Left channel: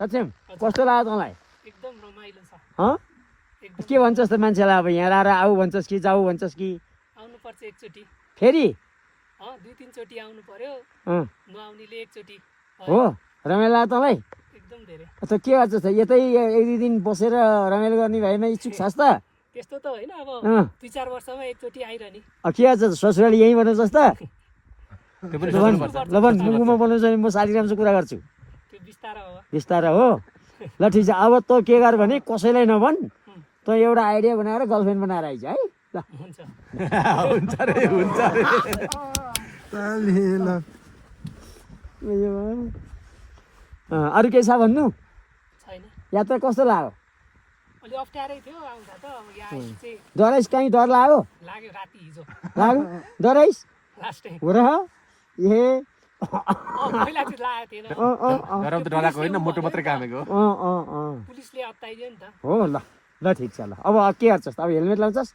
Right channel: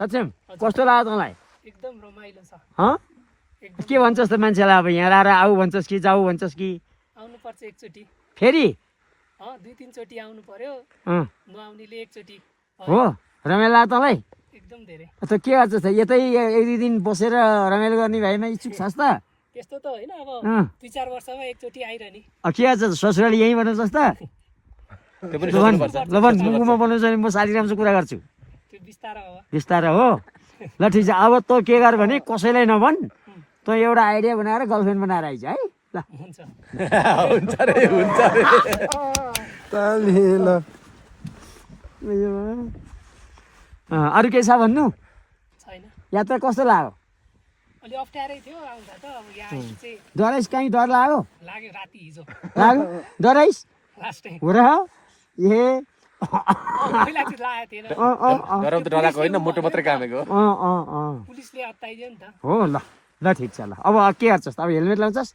सच्चै कस्तो लाग्यो तँलाई एकदम रमाइलो छ एकदम के भन्छस् त मान्छेलाई अब यहाँ आएर आऊ भन्छस् कि जाऊ भन्छस् कि आउनुपर्छ एकचोटि फेरि 2-3 चोटि आउनु पर्यो नआउनेले एकचोटि हो रमाइलो लाग्यो तँलाई एकदम धेरै त के गर्छ त यतै 1-2 दिन बसेर रमाइलो गर्ने भाइमा इच्छुक छस् त त्यस्तो त होइन अब 2-4 वर्षमा एकचोटि आइरहने के गर्छ ससुराली यहीँ बनाउँछस् त गुम्बा बनाउँछ भने म साथीरामसँग कुरा गर्छु त्यो बिस्तारै हो बिस्तारै हो ल ठिक छ अब तँ के गर भने कसैलाई नभन तँ एउटा आइडिया बनाएर गर्लफ्रेन्ड बनाएर आइज है ल हुन्छ अरू केही छ भन्नु छैन यात्रा कस्तो लाग्यो अलि अप्ठ्यारै थियो आउँदा त अब यहाँ आएपछि चाहिँ डराइस कहीँ डर लाग्यो लाग्यो राति हिजो लाग्यो डराइस लास्ट टाइम हो र ए पहिला चाहिँ लागेको थिएन गरम त डराएको होइन मोटो मात्रै कामेको पुलिसले अत्ताइदियो नि त हो ल ल ठिक छ ल अब के गर्छस् अब हेलमेट लाउँछस्